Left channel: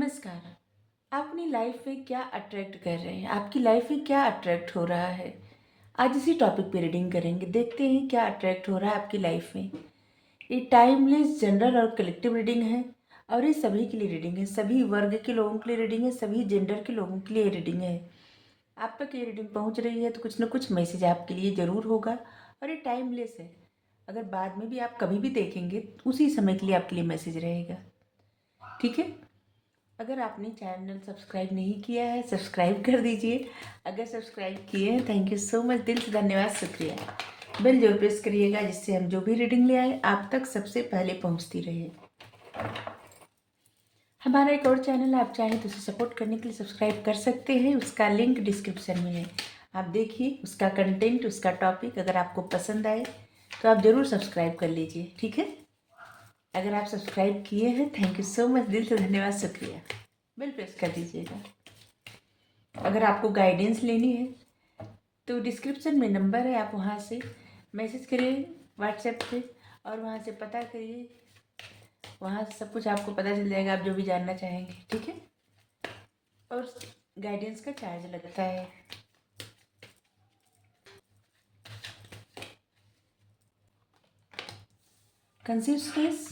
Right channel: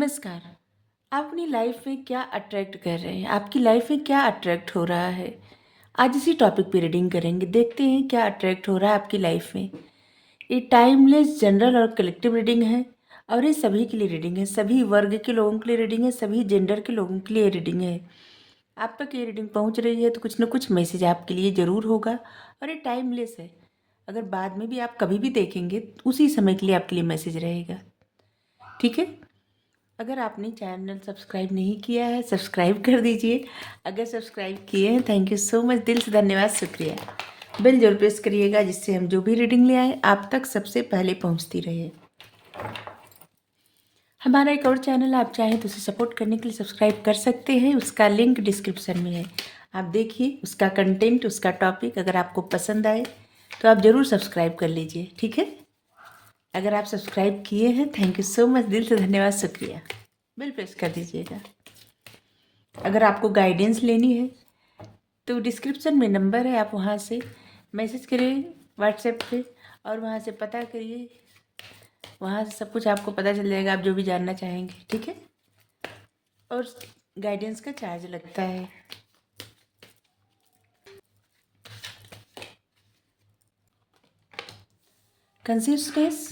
नमस्कार। आप अपनी लाइफ में क्या अट्रैक्ट कर रहे हैं? आपकी लाइफ में क्या अट्रैक्ट हो रहा है? आज इसी टॉपिक पे रीडिंग करेंगे। देखते हैं क्या अट्रैक्ट हो रहा है आपकी लाइफ में। ये टाइमलेस जनरल और कलेक्टिव रीडिंग है और ये सभी के लिए रीडिंग है। सभी वर्ग के लोगों के लिए रीडिंग है, सभी जेंडर के लोगों के लिए रीडिंग है। आप तक ये रीडिंग पहुंच रही है तो कुछ ना कुछ मैसेज आपके लिए ज़रूर होगा और ये टाइमलेस है। अगर बाद में भी आप कभी भी देखेंगे उसी समय के लिए आपके लिए मैसेज रहेगा। ठीक है? अगर आपने चैनल सब्सक्राइब नहीं किया है सब्सक्राइब कर दीजिए। अगर सब्सक्राइब किए हैं थैंक यू सो मच, दिल से धन्यवाद, शुक्रिया। बेल जरूर प्रेस करिएगा जिससे हम जो भी रीडिंग ले आए आप तक सबसे पहले पहुंचती रहे। हमारा एक और चैनल आप चाहें तो उसे सपोर्ट करने के लिए सब्सक्राइब कर सकते हैं, उसका लिंक डिस्क्रिप्शन में है। आप देखिए उसका कंटेंट, उसका टॉपिक अगर आपको पसंद आए तो आप ज़रूर सब्सक्राइब कर लीजिए। ठीक है? अगर आप सब्सक्राइब किए हैं थैंक यू सो मच, दिल से धन्यवाद, शुक्रिया। बेल प्रेस कर दीजिएगा। अगर आपको गाइडेंस लेनी है तो डिस्क्रिप्शन में नंबर है, आप वहाँ से मैसेज करिए व्हाट्सएप पे और वहाँ से पता करिए। वहाँ से सब कुछ आपको पता चल जाएगा, आप जो भी जानना चाहेंगे। ठीक है? और गाइडेंस का चार्ज लगता है। कंसिस्टेंस,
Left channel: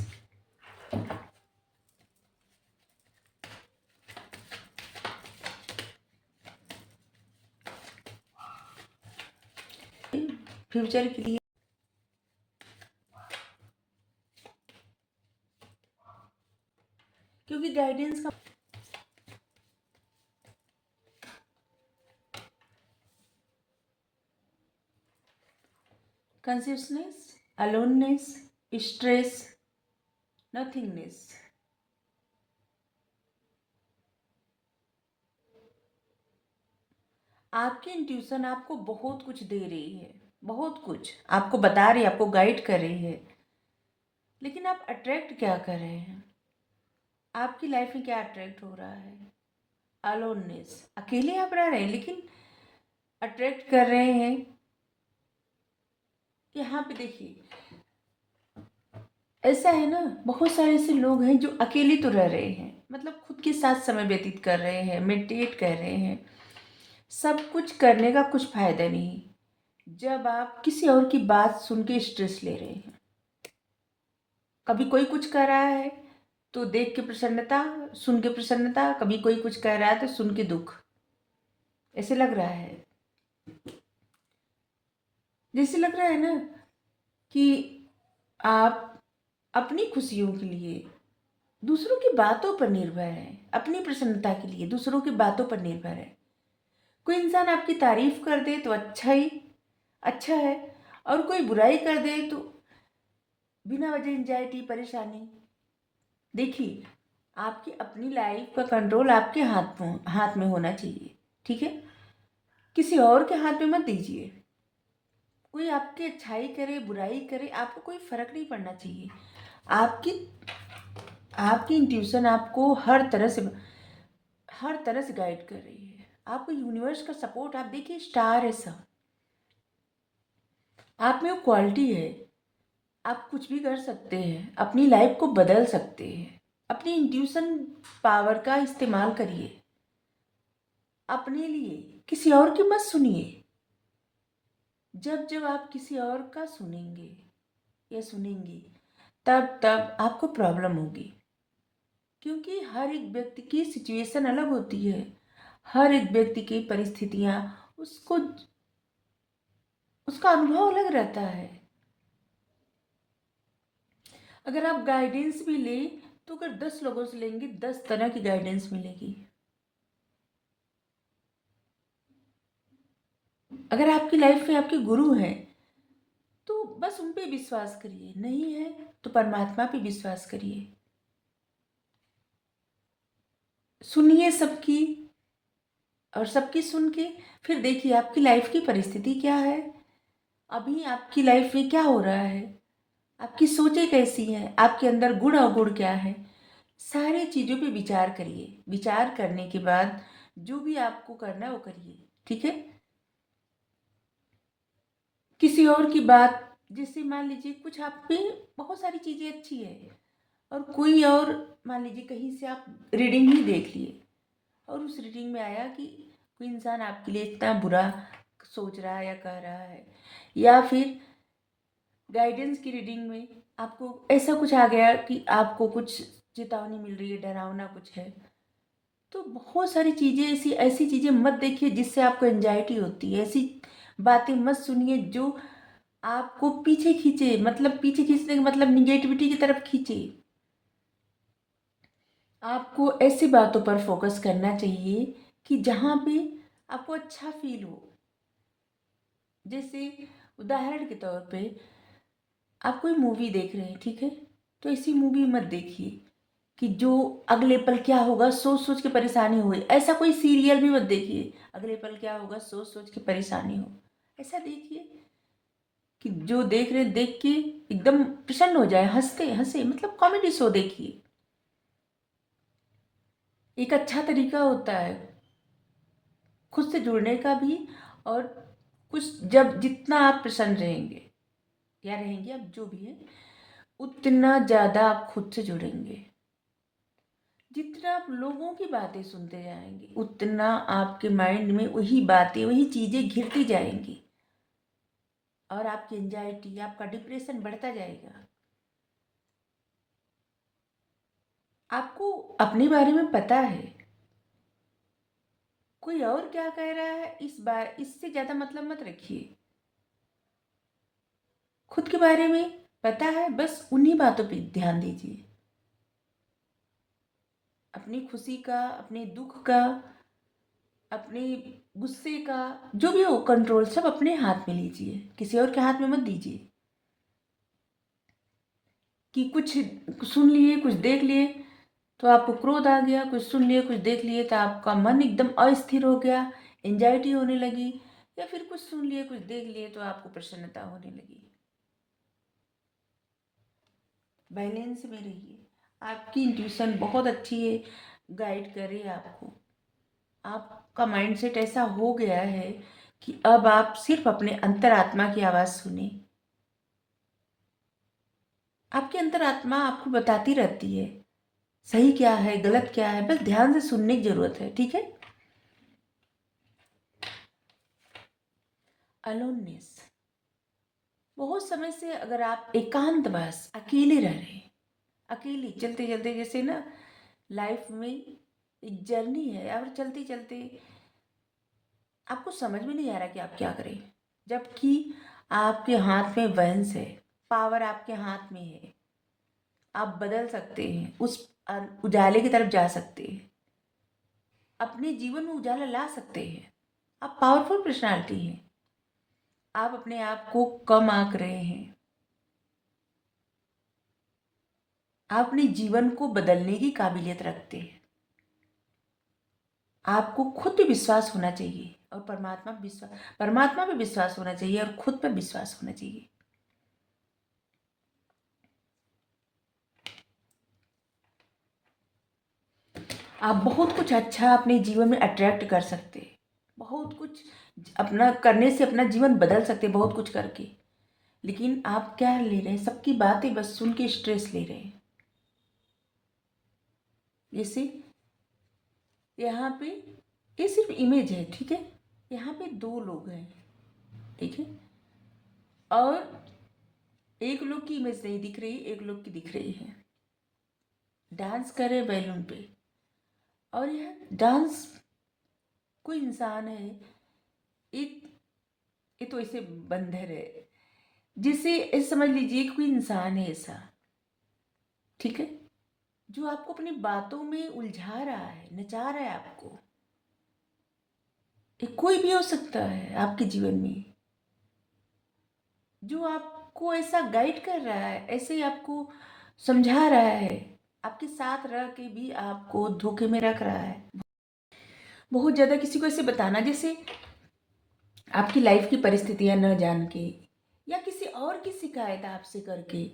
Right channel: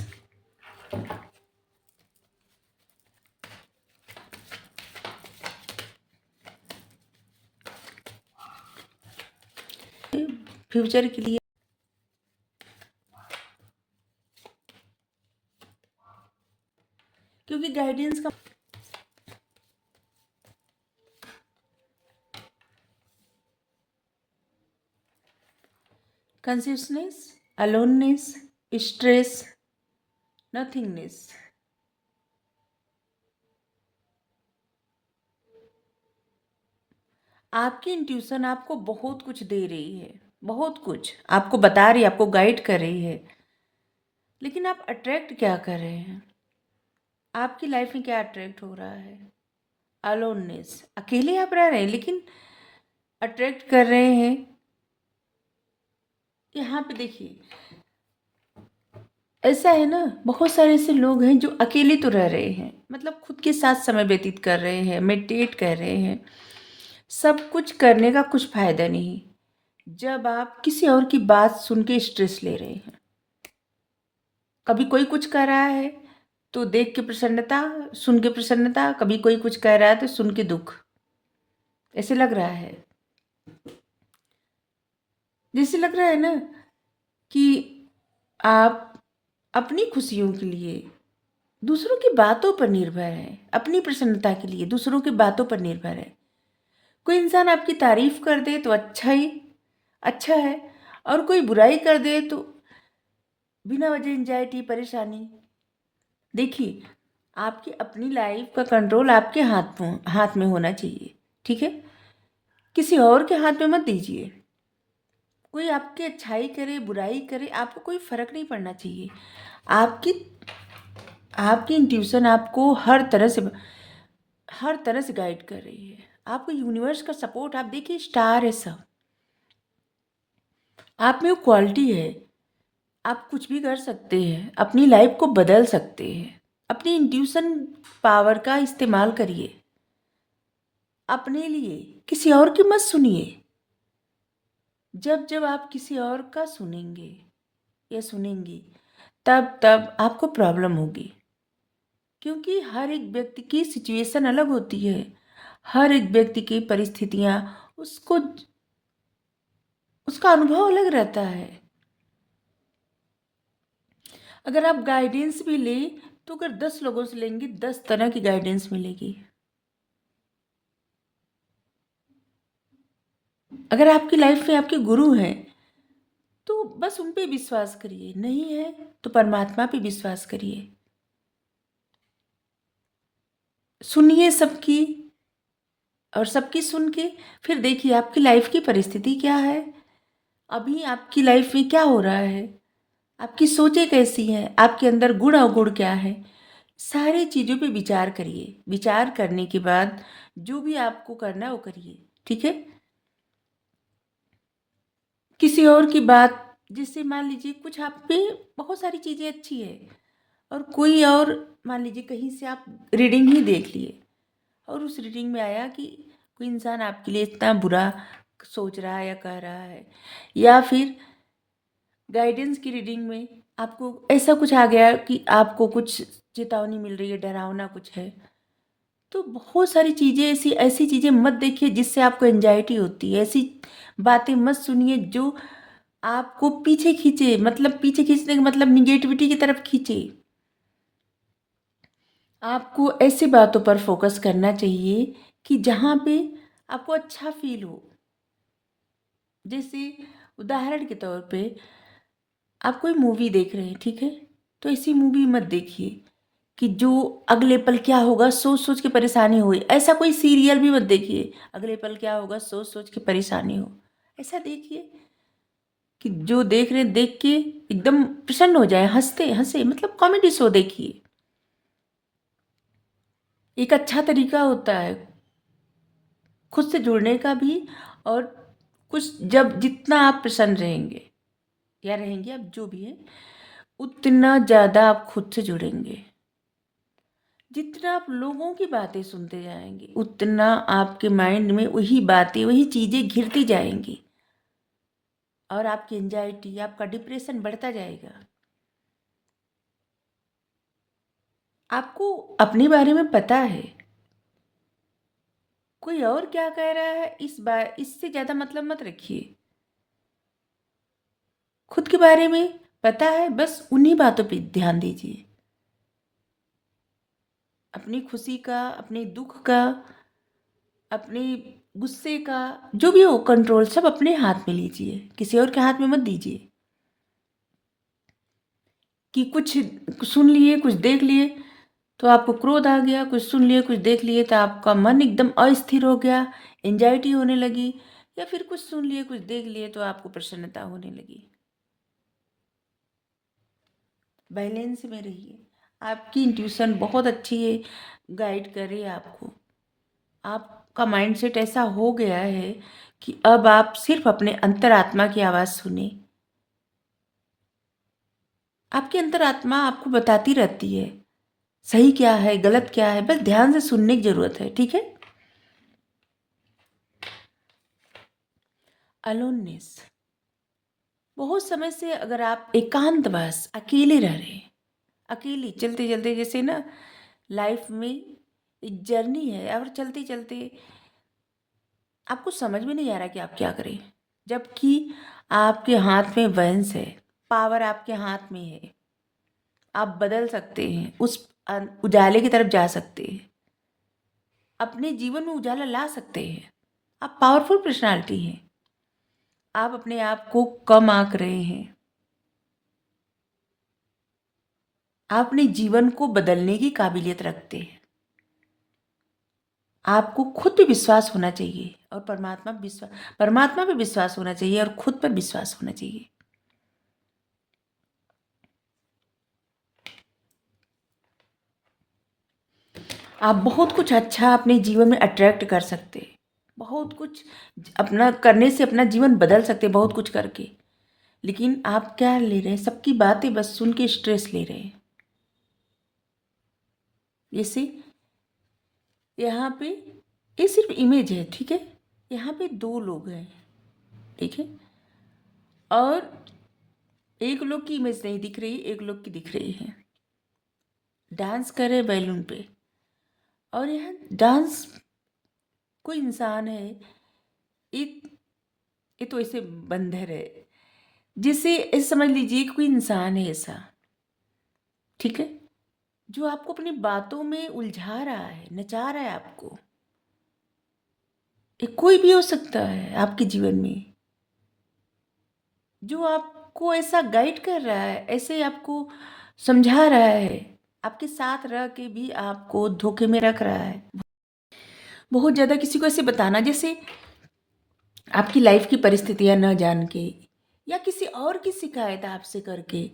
फ्यूचर के लिए क्योंकि गाइडेंस का कंसिस्टेंस, अलोननेस, स्ट्रेस, नथिंगनेस। आपकी इंट्यूशन आपको बहुत कुछ दे रही है, बहुत कुछ आपको बता रही है, आपको गाइड कर रही है, लेकिन आप अट्रैक्ट क्या कर रहे हैं? आपकी लाइफ में क्या अट्रैक्ट हो रहा है? अलोननेस, अकेले आप रह रहे हैं लेकिन अट्रैक्ट कर रहे हैं। यहाँ पे देखिए ऐसा है ना, बहुत सारे ऐसे लोग हैं जो अकेले तो रह रहे हैं, मतलब खुद के साथ समय व्यतीत कर रहे हैं, मेडिटेट कर रहे हैं। सब कुछ करने का कुछ फायदा नहीं जब आप किसी और की बात सुन के स्ट्रेस ले रहे हैं। कभी कोई कुछ कर रहा है तो देख के प्रसन्नता, सुन के प्रसन्नता, कभी कोई कुछ कह रहा है तो सुन के दुख। ऐसे लग रहा है, जैसे लग रहा है ना कि आप अपनी खुशियों के लिए दूसरों की बातों पर निर्भर है, अपनी प्रसन्नता के लिए दूसरों की बातों पर निर्भर है। कोई इंसान आपकी तारीफ कर दे तो अच्छा है, और कोई बुराई कर दे तो बिना वजह एंजाइटी, परेशानी। देखिए आपकी अपनी लाइफ का कंट्रोल आपके हाथ में होना चाहिए। ठीक है? किसी और के हाथ में मत दीजिए। कोई आपकी अच्छाई करे बुराई करे आपको कोई फर्क नहीं पड़ना चाहिए। आपकी आपकी इंट्यूशन आपको हर तरह से गाइड कर रही है। आपको यूनिवर्स का सपोर्ट, आप देखिए स्टार है सब। आप में वो क्वालिटी है, आप कुछ भी कर सकते हैं, अपनी लाइफ को बदल सकते हैं। अपनी इंट्यूशन पावर का इस्तेमाल करिए अपने लिए, किसी और की मत सुनिए। जब जब आप किसी और का सुनेंगे या सुनेंगी तब तब आपको प्रॉब्लम होगी, क्योंकि हर एक व्यक्ति की सिचुएशन अलग होती है। हर एक व्यक्ति की परिस्थितियाँ, उसको उसका अनुभव अलग रहता है। अगर आप गाइडेंस भी ले तो अगर 10 लोगों से लेंगे 10 तरह की गाइडेंस मिलेगी। अगर आपकी लाइफ में आपके गुरु हैं तो बस उन पे विश्वास करिए, नहीं है तो परमात्मा पे विश्वास करिए। सुनिए सबकी, और सबकी सुन के फिर देखिए आपकी लाइफ की परिस्थिति क्या है, अभी आपकी लाइफ में क्या हो रहा है, आपकी सोचें कैसी हैं, आपके अंदर गुण अवगुण क्या है। सारी चीज़ों पे विचार करिए। विचार करने के बाद जो भी आपको करना है वो करिए। ठीक है? किसी और की बात, जैसे मान लीजिए कुछ आप पे बहुत सारी चीज़ें अच्छी है और कोई और मान लीजिए कहीं से आप रीडिंग ही देख लिए और उस रीडिंग में आया कि कोई इंसान आपके लिए इतना बुरा सोच रहा है या कह रहा है, या फिर गाइडेंस की रीडिंग में आपको ऐसा कुछ आ गया कि आपको कुछ चेतावनी मिल रही है, डरावना कुछ है, तो बहुत सारी चीज़ें ऐसी ऐसी चीज़ें मत देखिए जिससे आपको एंजाइटी होती है। ऐसी बातें मत सुनिए जो आपको पीछे खींचे, मतलब पीछे खींचने का मतलब निगेटिविटी की तरफ खींचे। आपको ऐसी बातों पर फोकस करना चाहिए कि जहाँ पे आपको अच्छा फील हो। जैसे उदाहरण के तौर पे आप कोई मूवी देख रहे हैं, ठीक है, तो ऐसी मूवी मत देखिए कि जो अगले पल क्या होगा सोच सोच के परेशानी हुई। ऐसा कोई सीरियल भी मत देखिए अगले पल क्या होगा सोच सोच के परेशानी हो। ऐसा देखिए कि जो देख रहे देख के एकदम प्रसन्न हो जाए, हंसते हंसे, मतलब कॉमेडी शो देखिए। एक अच्छा तरीका होता है खुद से जुड़ने का भी। और कुछ जब जितना आप प्रसन्न रहेंगे या रहेंगे, आप जो भी है, उतना ज़्यादा आप खुद से जुड़ेंगे। जितना आप लोगों की बातें सुनते जाएंगे उतना आपके माइंड में वही बातें वही चीज़ें घिरती जाएंगी और आपकी एंजाइटी, आपका डिप्रेशन बढ़ता जाएगा। आपको अपने बारे में पता है, कोई और क्या कह रहा है इस बार इससे ज़्यादा मतलब मत रखिए। खुद के बारे में पता है, बस उन्हीं बातों पे ध्यान दीजिए। अपनी खुशी का, अपने दुख का, अपने गुस्से का, जो भी हो कंट्रोल सब अपने हाथ में लीजिए, किसी और के हाथ में मत दीजिए। कि कुछ सुन लिए कुछ देख लिए तो आपको क्रोध आ गया, कुछ सुन लिए कुछ देख लिए तो आपका मन एकदम अस्थिर हो गया, एंजाइटी होने लगी, या फिर कुछ सुन लिए कुछ देख लिए तो आपको प्रसन्नता होने लगी। बैलेंस में रहिए। आपकी इंट्यूशन बहुत अच्छी है, गाइड करे आपको। आपका माइंडसेट ऐसा हो गया है कि अब आप सिर्फ अपने अंतरात्मा की आवाज़ सुने। आपकी अंतरात्मा आपको बताती रहती है सही क्या है गलत क्या है, बस ध्यान से सुनने की जरूरत है, ठीक है। अलोननेस, बहुत समय से अगर आप एकांतवास अकेले रह रहे हैं, अकेले चलते चलते, जैसे ना लाइफ में एक जर्नी है और चलते चलते आपको समझ में नहीं आ रहा कि आप क्या करें, जबकि आपके हाथ में वंश है, पावर आपके हाथ में है। आप बदल सकते हैं, उस उजाले की तरफ जा सकते हैं, अपने जीवन में उजाला ला सकते हैं। आप पावरफुल पर्सनालिटी हैं। आप अपने आप को कम आंक रहे हैं। आप अपने जीवन को बदलने की काबिलियत रखते हैं। आपको खुद पे विश्वास होना चाहिए और परमात्मा पे विश्वास होना चाहिए और खुद पर विश्वास होना चाहिए। आप बहुत कुछ अच्छा अपने जीवन में अट्रैक्ट कर सकते हैं, बहुत कुछ अपना करने से अपना जीवन बदल सकते हैं, बहुत कुछ करके। लेकिन आप क्या ले रहे हैं, सबकी बातें बस सुन के स्ट्रेस ले रहे हैं। जैसे यहाँ पे ये सिर्फ इमेज है, ठीक है। यहाँ पे दो लोग हैं, ठीक है, और एक लोग की इमेज नहीं दिख रही, एक लोग की दिख रही है, डांस कर रहे बैलून पे। और यह डांस कोई इंसान है, एक ये तो ऐसे बंदर है, जिसे ऐसे समझ लीजिए कि कोई इंसान है ऐसा, ठीक है, जो आपको अपनी बातों में उलझा रहा है, नचा रहा है आपको। ये कोई भी हो सकता है आपके जीवन में, जो आपको ऐसा गाइड कर रहा है, ऐसे आपको समझा रहा है, आपके साथ रह के भी आपको धोखे में रख रहा है। बहुत ज़्यादा किसी को ऐसे बताना, जैसे आपकी लाइफ की परिस्थितियां न जान के या किसी और की शिकायत आपसे करके,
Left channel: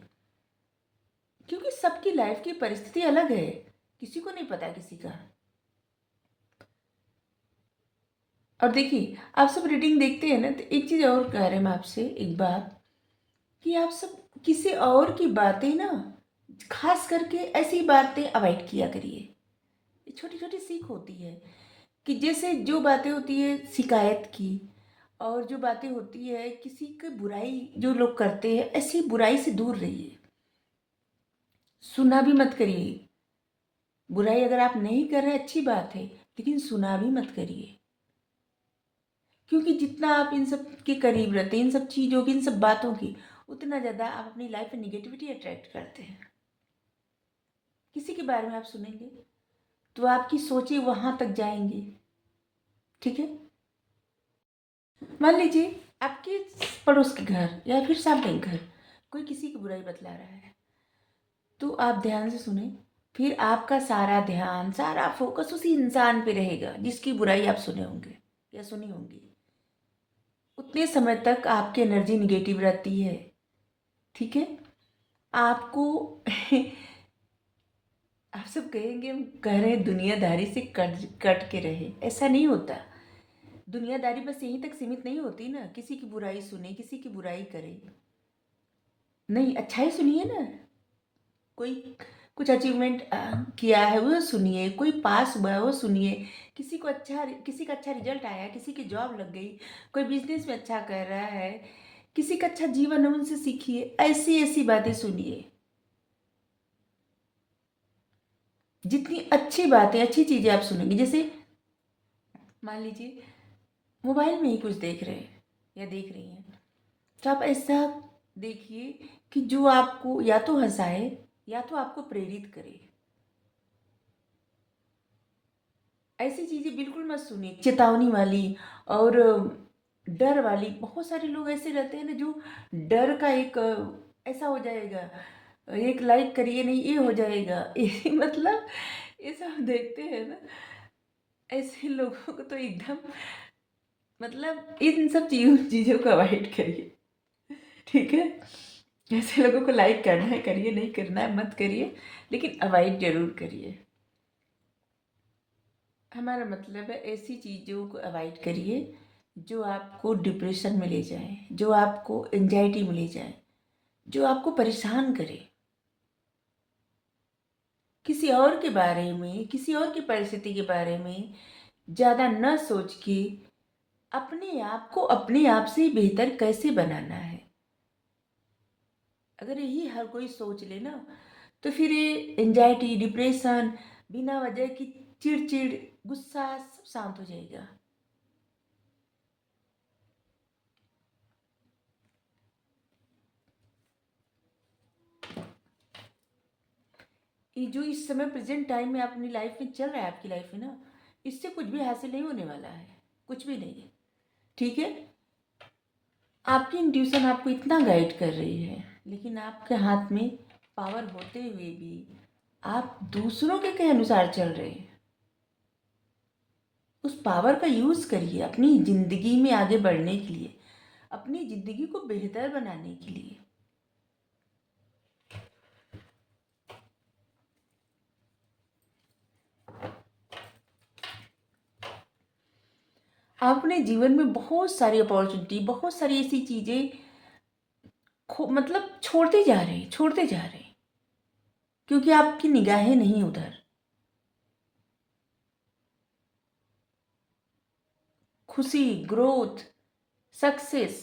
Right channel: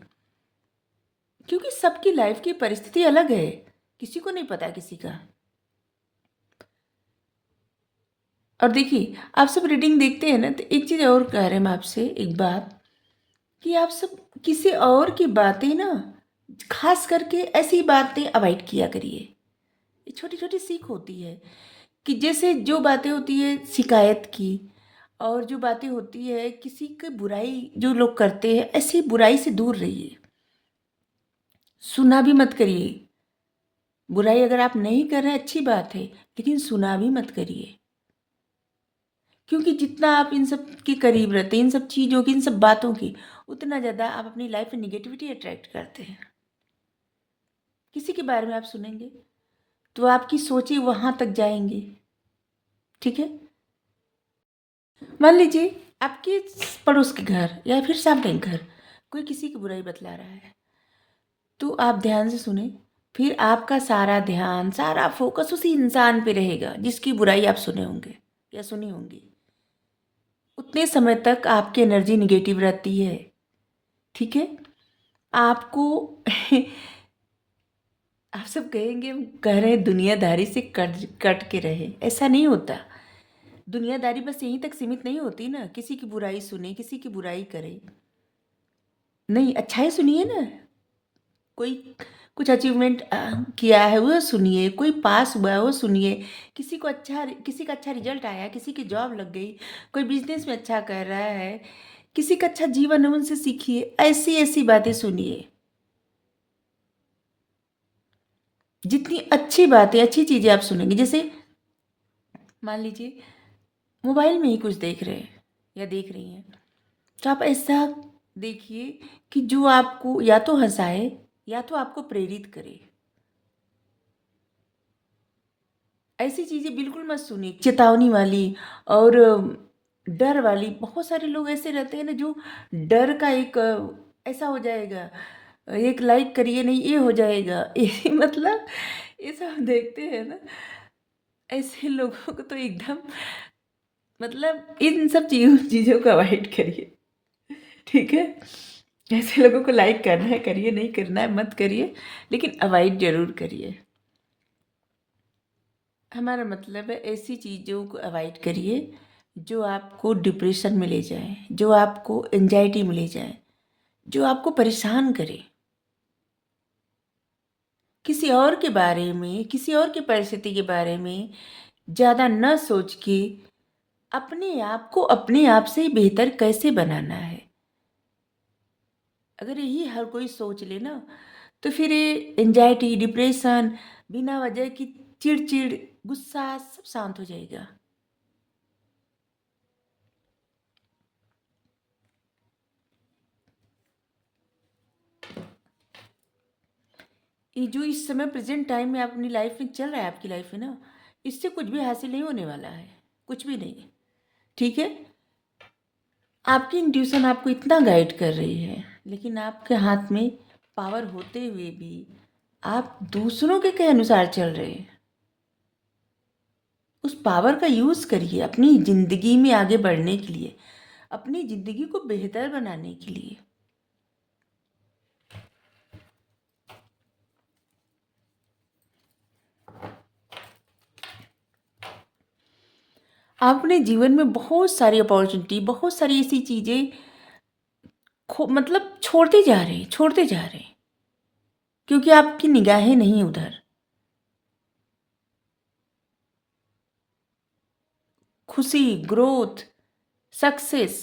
क्योंकि सबकी लाइफ की परिस्थिति अलग है, किसी को नहीं पता किसी का। और देखिए आप सब रीडिंग देखते हैं ना, तो एक चीज़ और कह रहे हैं हम आपसे, एक बात, कि आप सब किसी और की बातें ना खास करके ऐसी बातें अवॉइड किया करिए। ये छोटी छोटी सीख होती है कि जैसे जो बातें होती है शिकायत की, और जो बातें होती है किसी की बुराई जो लोग करते हैं, ऐसी बुराई से दूर रहिए। सुना भी मत करिए। बुराई अगर आप नहीं कर रहे अच्छी बात है, लेकिन सुना भी मत करिए। क्योंकि जितना आप इन सब के करीब रहते हैं, इन सब चीज़ों की, इन सब बातों की, उतना ज़्यादा आप अपनी लाइफ में निगेटिविटी अट्रैक्ट करते हैं। किसी के बारे में आप सुनेंगे तो आपकी सोचें वहाँ तक जाएंगी। ठीक है। मान लीजिए आपके पड़ोस के घर या फिर सामने के घर कोई किसी की बुराई बतला रहा है, तो आप ध्यान से सुने। फिर आपका सारा ध्यान, सारा फोकस उसी इंसान पे रहेगा जिसकी बुराई आप सुने होंगे या सुनी होंगी। उतने समय तक आपकी एनर्जी निगेटिव रहती है। ठीक है। आपको आप सब कहेंगे, हम कह रहे हैं दुनियादारी से कट कट के रहे, ऐसा नहीं होता। दुनियादारी बस यहीं तक सीमित नहीं होती ना, किसी की बुराई सुने, किसी की बुराई करे। नहीं, अच्छाई सुनिए ना। कोई कुछ अचीवमेंट किया है वो सुनिए, कोई पास हुआ है वो सुनिए, किसी का अच्छा रिजल्ट आया, किसी की जॉब लग गई, कोई बिजनेस में अच्छा कर रहा है, किसी का अच्छा जीवन है, उनसे सीखिए। ऐसी ऐसी बातें सुनिए। जितनी अच्छी बातें, अच्छी चीज़ें आप सुनेंगे, जैसे मान लीजिए मोबाइल में ही कुछ देख रहे हैं या देख रही हैं, तो आप ऐसा देखिए कि जो आपको या तो हंसाए या तो आपको प्रेरित करे। ऐसी चीज़ें बिल्कुल मत सुनिए, चेतावनी वाली और डर वाली। बहुत सारे लोग ऐसे रहते हैं ना, जो डर का एक ऐसा हो जाएगा, एक लाइक करिए नहीं ये हो जाएगा ये मतलब ये सब देखते हैं ना, ऐसे लोगों को तो एकदम मतलब इन सब चीज़ों को अवॉइड करिए। ठीक है। ऐसे लोगों को लाइक करना है करिए, नहीं करना है मत करिए, लेकिन अवॉइड जरूर करिए। हमारा मतलब है ऐसी चीज़ों को अवॉइड करिए जो आपको डिप्रेशन में ले जाए, जो आपको एंजाइटी में ले जाए, जो आपको परेशान करे। किसी और के बारे में, किसी और की परिस्थिति के बारे में ज़्यादा न सोच के अपने आप को अपने आप से बेहतर कैसे बनाना है, अगर यही हर कोई सोच ले ना, तो फिर ये एंजाइटी, डिप्रेशन, बिना वजह की चिड़चिड़, गुस्सा सब शांत हो जाएगा। ये जो इस समय प्रेजेंट टाइम में अपनी लाइफ में चल रहा है, आपकी लाइफ में ना, इससे कुछ भी हासिल नहीं होने वाला है, कुछ भी नहीं। ठीक है। आपकी इंट्यूशन आपको इतना गाइड कर रही है, लेकिन आपके हाथ में पावर होते हुए भी आप दूसरों के कहे अनुसार चल रहे हैं। उस पावर का यूज़ करिए अपनी ज़िंदगी में आगे बढ़ने के लिए, अपनी ज़िंदगी को बेहतर बनाने के लिए। आप अपने जीवन में बहुत सारी अपॉर्चुनिटी, बहुत सारी ऐसी चीज़ें मतलब छोड़ते जा रहे हैं, छोड़ते जा रहे हैं, क्योंकि आपकी निगाहें नहीं उधर। खुशी, ग्रोथ, सक्सेस,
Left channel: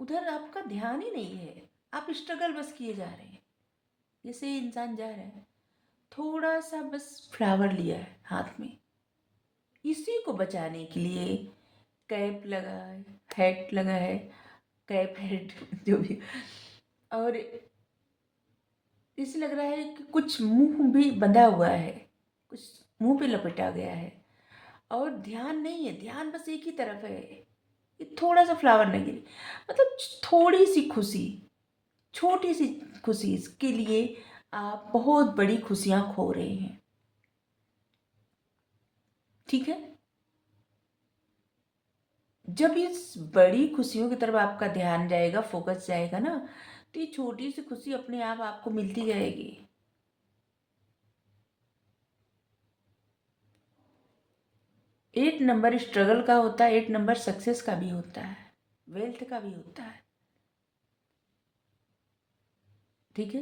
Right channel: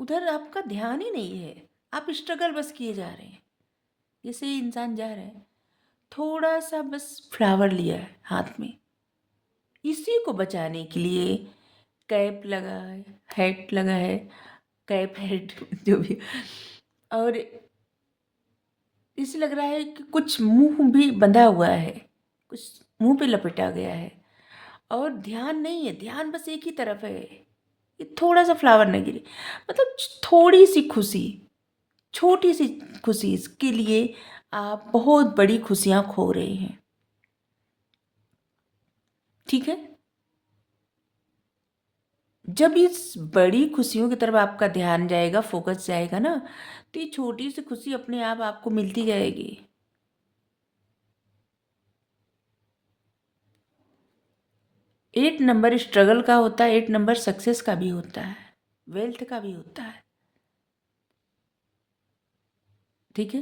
उधर आपका ध्यान ही नहीं है। आप स्ट्रगल बस किए जा रहे हैं। जैसे ही इंसान जा रहा है, थोड़ा सा बस फ्लावर लिया है हाथ में, इसी को बचाने के लिए कैप लगा है, हैट लगा है, कैप हैट जो भी, और इसे लग रहा है कि कुछ मुंह भी बंधा हुआ है, कुछ मुंह पे लपेटा गया है, और ध्यान नहीं है, ध्यान बस एक ही तरफ है। ये थोड़ा सा फ्लावर नहीं गिरी, मतलब थोड़ी सी खुशी, छोटी सी खुशी के लिए आप बहुत बड़ी खुशियां खो रहे हैं। ठीक है। जब इस बड़ी खुशियों की तरफ आपका ध्यान जाएगा, फोकस जाएगा ना, तो ये छोटी सी खुशी अपने आप आपको मिलती जाएगी। 8 नंबर स्ट्रगल का होता है, 8 नंबर सक्सेस का भी होता है, वेल्थ का भी होता है। ठीक है।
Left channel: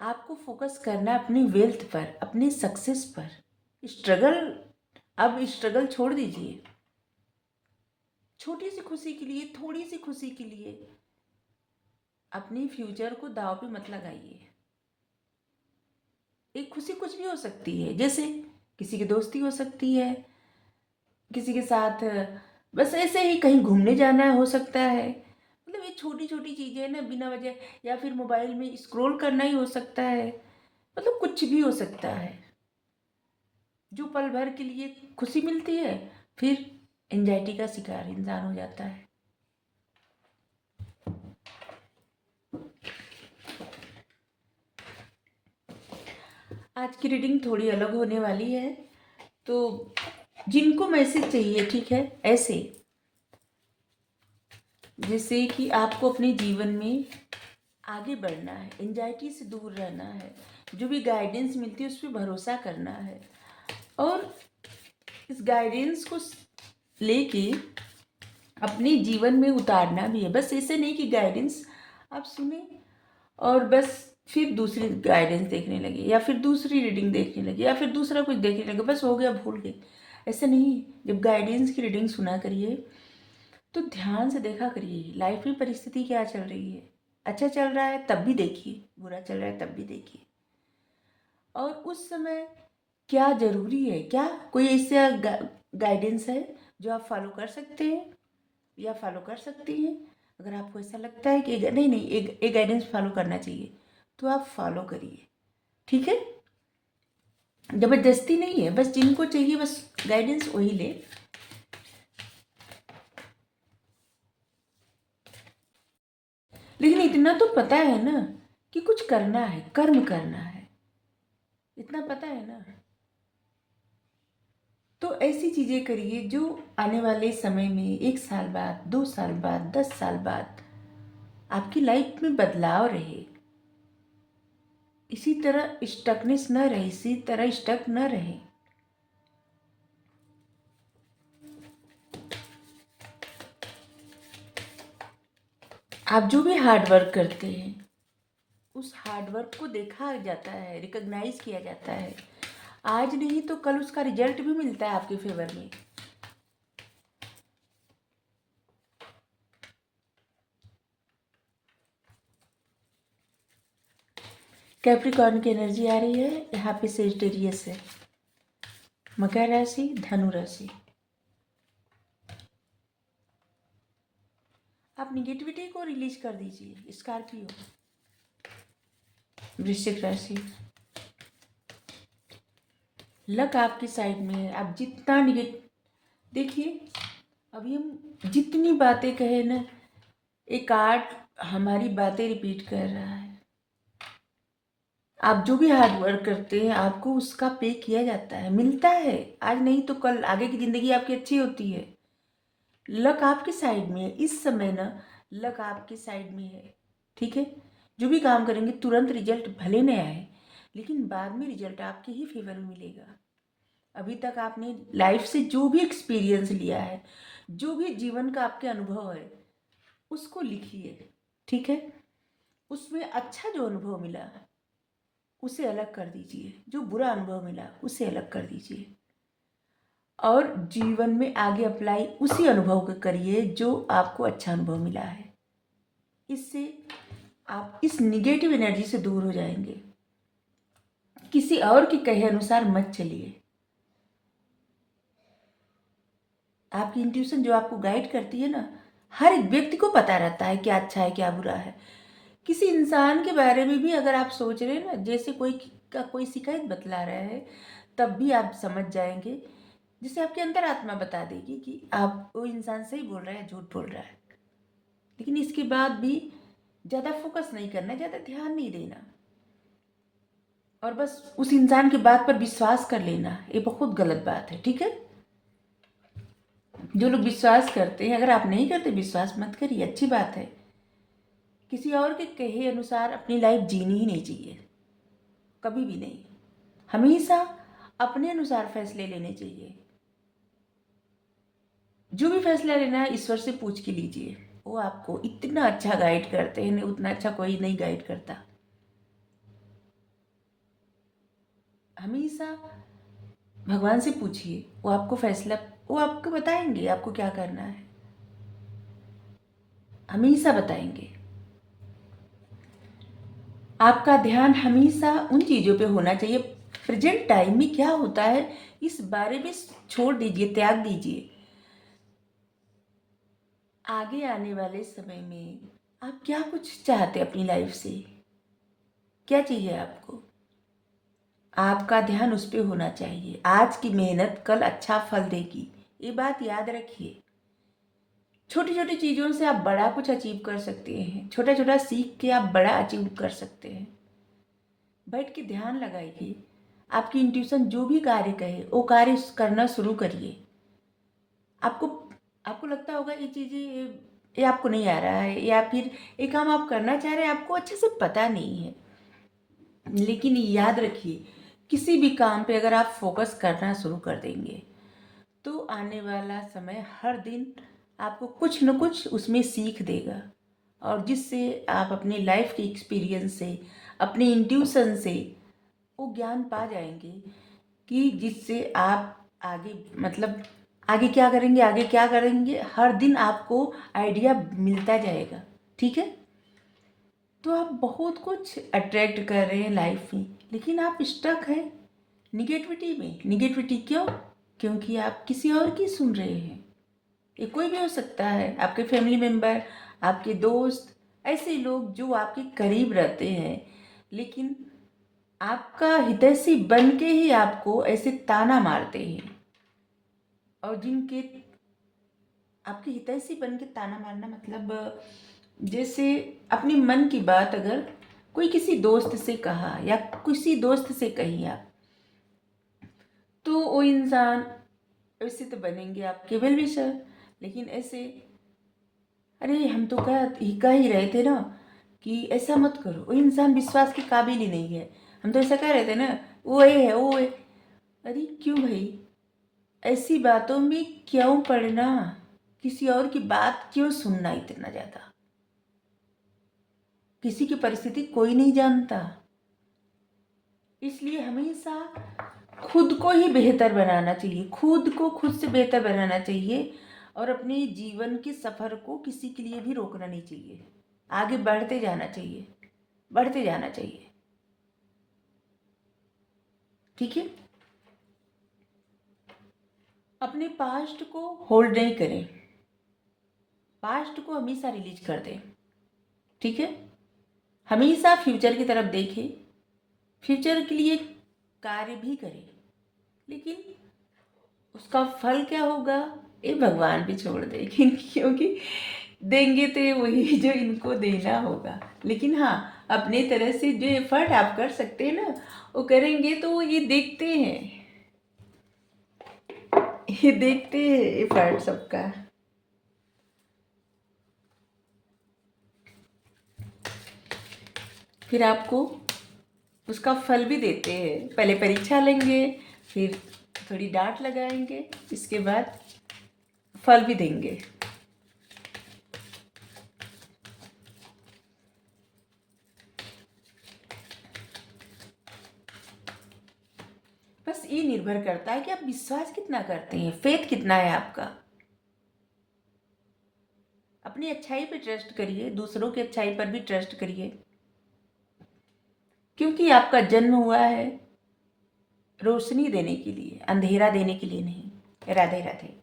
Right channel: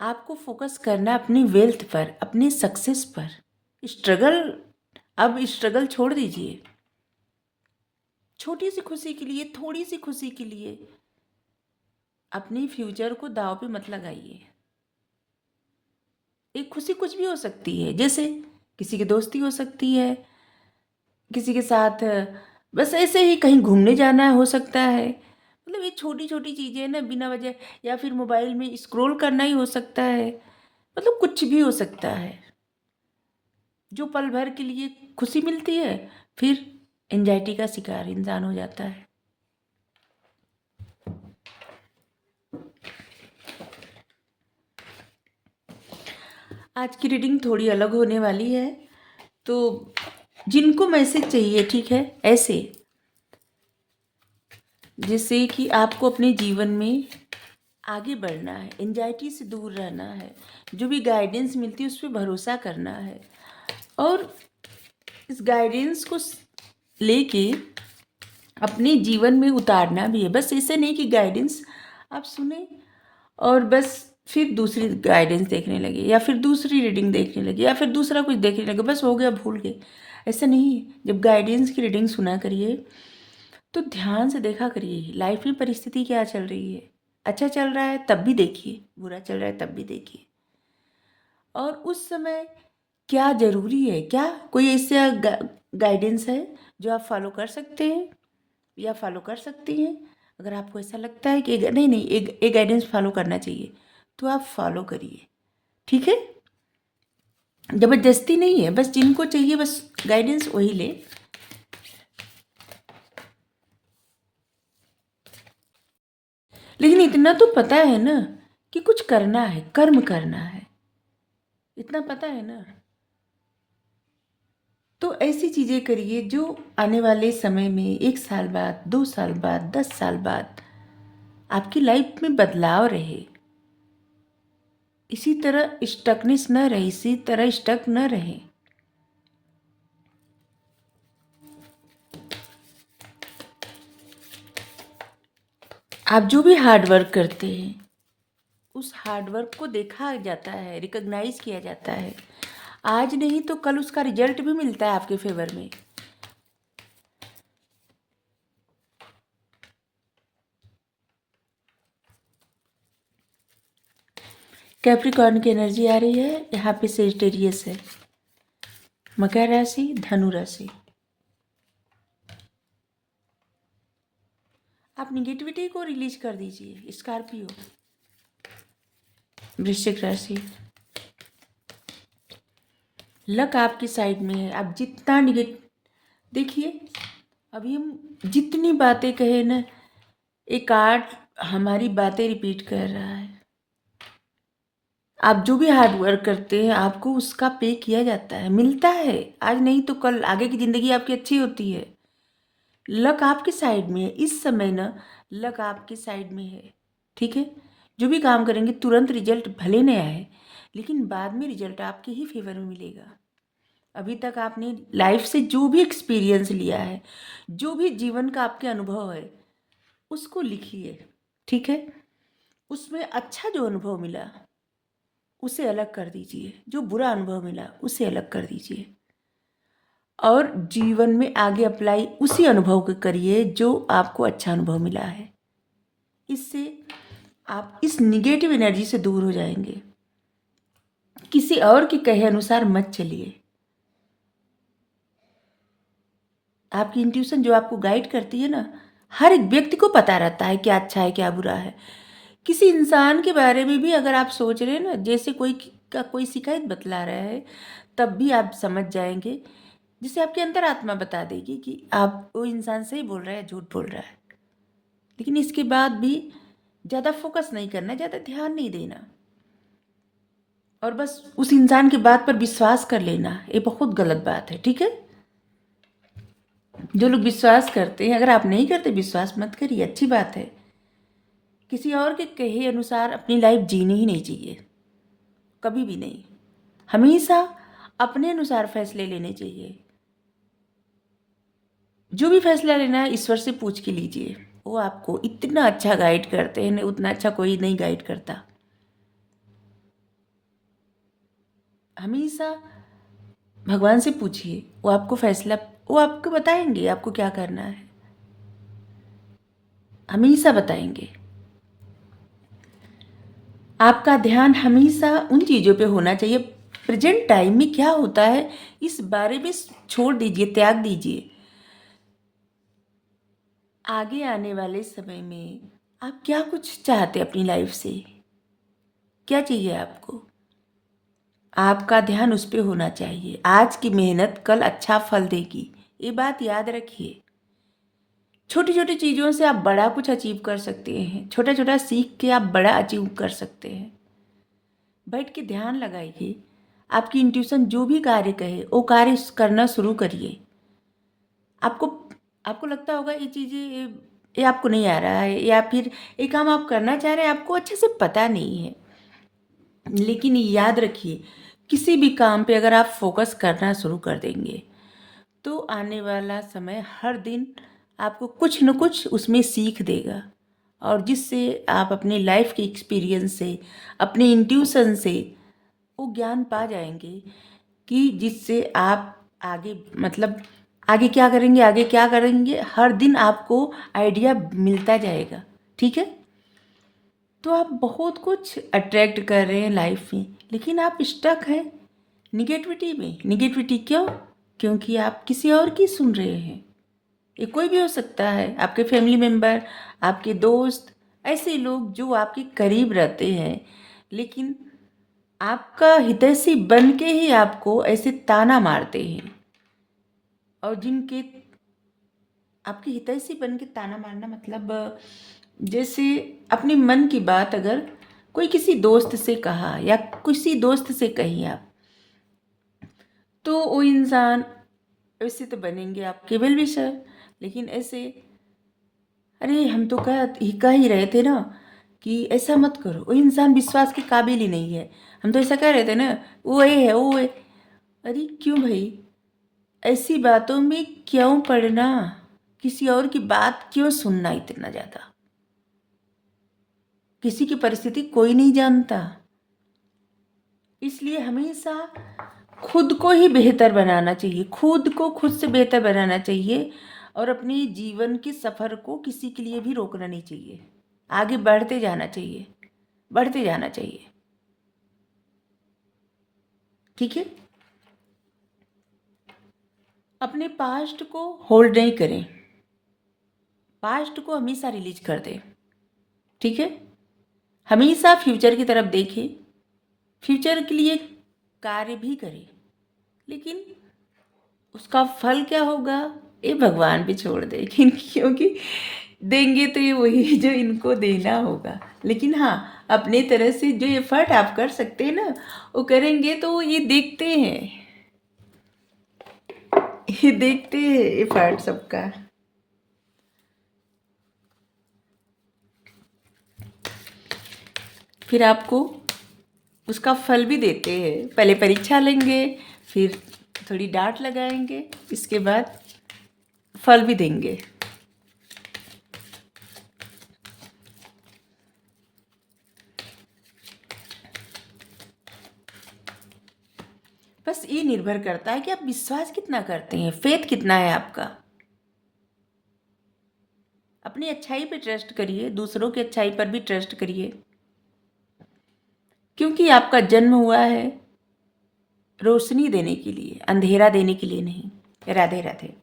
आपको फोकस करना है अपनी वेल्थ पर, अपनी सक्सेस पर। स्ट्रगल, अब स्ट्रगल छोड़ दीजिए। छोटी सी खुशी के लिए, थोड़ी सी खुशी के लिए अपनी फ्यूचर को दांव पे मत लगाइए। एक खुशी कुछ भी हो सकती है, जैसे किसी की दोस्ती हो सकती है, किसी के साथ बस ऐसे ही कहीं घूमने जाना हो सकता है। मतलब ये छोटी छोटी चीज़ें ना, बिना वजह, या फिर मोबाइल में स्क्रॉल करना ही हो सकता है। मतलब कुछ भी हो सकता है जो पल भर के लिए खुशी मिलती है, फिर एंजाइटी का शिकार इंसान हो जाता है। आज की रीडिंग थोड़ी अलग होने वाली है, तो जिनको मैसेज चाहिए, ठीक है, ऐसे जिससे कि आपको अपने जीवन में आगे बढ़ना है, एंजाइटी से दूर रहना है, जो भी गाइडेंस मिलती है उस पर भरोसा करना है, और इस गाइडेंस को लेके अपने जीवन में उतारना भी है। बस ऐसे नहीं कि गाइडेंस आप सुने और बस फिर दूसरी गाइडेंस देखने लगे, या फिर दूसरी रीडिंग देखने लगे, या फिर दूसरा कुछ देखने लगे, बस हो गया, भूल गए। ऐसा नहीं है। जब गाइडेंस की रीडिंग सुना करिए तो ध्यान से देखा करिए लाइफ में परिस्थिति क्या चल रही है। अच्छा चल रहा है तब भी देखिए, बुरा चल रहा है तब भी देखिए, और उस समय क्या ज़रूरी है, क्या कोई ऐसा गाइडेंस है जो आप फॉलो कर सकते हैं या फॉलो कर सकती हैं। अगर आपको ऐसा लगता है कि नहीं नहीं, एक गाइडेंस फॉलो करना चाहिए, तो आप फॉलो करिए, ठीक है। ज़बरदस्ती नहीं है, बस जिनको चाहिए बस गाइडेंस वही ले। लेकिन इतना तो पता है ना कि कुछ करना है, कर्म करना है, इतना पता है ना। तो ऐसी चीज़ें करिए जो आने वाले समय में 1 साल बाद, 2 साल बाद, 10 साल बाद आपकी लाइफ में बदलाव रहे। इसी तरह स्टकनेस न रहे, इसी तरह स्टक न रहे। आप जो भी हार्ड वर्क करते हैं उस हार्ड वर्क को देखा जाता है, रिकॉग्नाइज किया जाता है। आज नहीं तो कल उसका रिजल्ट भी मिलता है आपके फेवर में। कैप्रिकॉर्न की एनर्जी आ रही है, यहाँ पे सेजिटेरियस है, मकर राशि, धनु राशि। आप निगेटिविटी को रिलीज कर दीजिए। स्कॉर्पियो, वृश्चिक राशि। लक आपकी साइड में है। आप जितना देखिए, अभी हम जितनी बातें कहे ना, एक आर्ट हमारी बातें रिपीट कर रहा है। आप जो भी हार्ड वर्क करते हैं आपको उसका पे किया जाता है, मिलता है। आज नहीं तो कल आगे की ज़िंदगी आपकी अच्छी होती है। लक आपके साइड में है इस समय ना, लक आपके साइड में है, ठीक है। जो भी काम करेंगे तुरंत रिजल्ट भले न आए, लेकिन बाद में रिजल्ट आपके ही फेवर में मिलेगा। अभी तक आपने लाइफ से जो भी एक्सपीरियंस लिया है, जो भी जीवन का आपके अनुभव है, उसको लिखिए, ठीक है। उसमें अच्छा जो अनुभव मिला उसे अलग कर दीजिए, जो बुरा अनुभव मिला उसे अलग कर दीजिए, और जीवन में आगे अप्लाई उसी अनुभव को करिए जो आपको अच्छा अनुभव मिला है। इससे आप इस निगेटिव एनर्जी से दूर हो जाएंगे। किसी और के कहे अनुसार मत चलिए। आपकी इंट्यूशन जो आपको गाइड करती है ना, हर एक व्यक्ति को पता रहता है क्या अच्छा है क्या बुरा है। किसी इंसान के बारे में भी अगर आप सोच रहे हैं ना, जैसे कोई का कोई शिकायत बतला रहा है, तब भी आप समझ जाएंगे, जिसे आपकी अंतरात्मा बता देगी कि आप वो इंसान सही बोल रहा है झूठ बोल रहा है। लेकिन इसके बाद भी ज़्यादा फोकस नहीं करना, ज़्यादा ध्यान नहीं देना, और बस उस इंसान की बात पर विश्वास कर लेना, ये बहुत गलत बात है, ठीक है। जो लोग विश्वास करते हैं, अगर आप नहीं करते विश्वास मत करिए, अच्छी बात है। किसी और के कहे अनुसार अपनी लाइफ जीनी ही नहीं चाहिए, कभी भी नहीं। हमेशा अपने अनुसार फैसले लेने चाहिए। जो भी फैसला लेना है ईश्वर से पूछ के लीजिए, वो आपको इतना अच्छा गाइड करते हैं, उतना अच्छा कोई नहीं गाइड करता। हमेशा भगवान से पूछिए, वो आपको बताएंगे आपको क्या करना है, हमेशा बताएंगे। आपका ध्यान हमेशा उन चीज़ों पे होना चाहिए, प्रेजेंट टाइम में क्या होता है इस बारे में छोड़ दीजिए, त्याग दीजिए। आगे आने वाले समय में आप क्या कुछ चाहते हैं अपनी लाइफ से, क्या चाहिए आपको, आपका ध्यान उस पे होना चाहिए। आज की मेहनत कल अच्छा फल देगी, ये बात याद रखिए। छोटी छोटी चीज़ों से आप बड़ा कुछ अचीव कर सकते हैं, छोटा छोटा सीख के आप बड़ा अचीव कर सकते हैं। बैठ के ध्यान लगाइए, आपकी इंट्यूशन जो भी कार्य कहे वो कार्य करना शुरू करिए। आपको आपको लगता होगा ये चीज़ें ये आपको नहीं आ रहा है, या फिर ये काम आप करना चाह रहे हैं आपको अच्छे से पता नहीं है, लेकिन याद रखिए किसी भी काम पे अगर आप फोकस करना शुरू कर देंगे तो आने वाला समय हर दिन आपको कुछ न कुछ उसमें सीख देगा, और जिससे आप अपने लाइफ के एक्सपीरियंस से, अपने इंट्यूशन से वो ज्ञान पा जाएंगे कि जिससे आप आगे मतलब आगे क्या करेंगे, आगे क्या करेंगे, हर दिन आपको आइडिया मिलता जाएगा। ठीक है, तो आप बहुत कुछ अट्रैक्ट कर रहे हैं लाइफ में, लेकिन आप स्टक हैं निगेटिविटी में। निगेटिविटी क्यों? क्योंकि आप किसी और की सुन रहे हैं। ये कोई भी हो सकता है, आपके फैमिली मेम्बर, आपके दोस्त, ऐसे लोग जो आपके करीब रहते हैं, लेकिन आपका हितैषी बन के ही आपको ऐसे ताना मारते हैं। और जिनके आपके हितैषी बन के ताना मारना मतलब जैसे अपने मन की बात अगर कोई किसी दोस्त से कहा या किसी दोस्त से कही आप, तो वो इंसान वैसे तो बनेंगे आपके वेल विशर, लेकिन ऐसे अरे हम तो कह ही रहे थे ना कि ऐसा मत करो, वो इंसान विश्वास के काबिल ही नहीं है, हम तो ऐसा कह रहे थे ना, वो ये है वो है। अरे क्यों भाई, ऐसी बातों में क्यों पढ़ना, किसी और की बात क्यों सुनना इतना ज़्यादा। किसी की परिस्थिति कोई नहीं जानता, इसलिए हमेशा खुद को ही बेहतर बनाना चाहिए, खुद को खुद से बेहतर बनाना चाहिए, और अपने जीवन के सफ़र को किसी के लिए भी रोकना नहीं चाहिए। आगे बढ़ते जाना चाहिए, बढ़ते जाना चाहिए। ठीक है, अपने पास्ट को होल्ड नहीं करें, पास्ट को हमेशा रिलीज कर दें। ठीक है, हमेशा फ्यूचर की तरफ देखें, फ्यूचर के लिए कार्य भी करें, लेकिन उसका फल क्या होगा ये भगवान पे छोड़ दे, क्योंकि देंगे तो ये वही जो इनको देना होगा। लेकिन हाँ, अपने तरह से जो एफर्ट आप कर सकते हैं ना वो करेंगे तो ये देखते हैं, ये देखते हैं एफर्ट सबका। फिर आपको उसका फल भी देते हैं। पहले परीक्षा लेंगे, फिर थोड़ी डांट लगाएंगे, इसके बाद फल भी देंगे। बस ये निर्भर करता है कि आप विश्वास कितना करते हैं, फेथ कितना है आपका। अपनी अच्छाई पे ट्रस्ट करिए, दूसरों की अच्छाई पर भी ट्रस्ट करिए, क्योंकि आपका जन्म हुआ है रोशनी देने के लिए, अंधेरा देने के लिए नहीं। राधे राधे।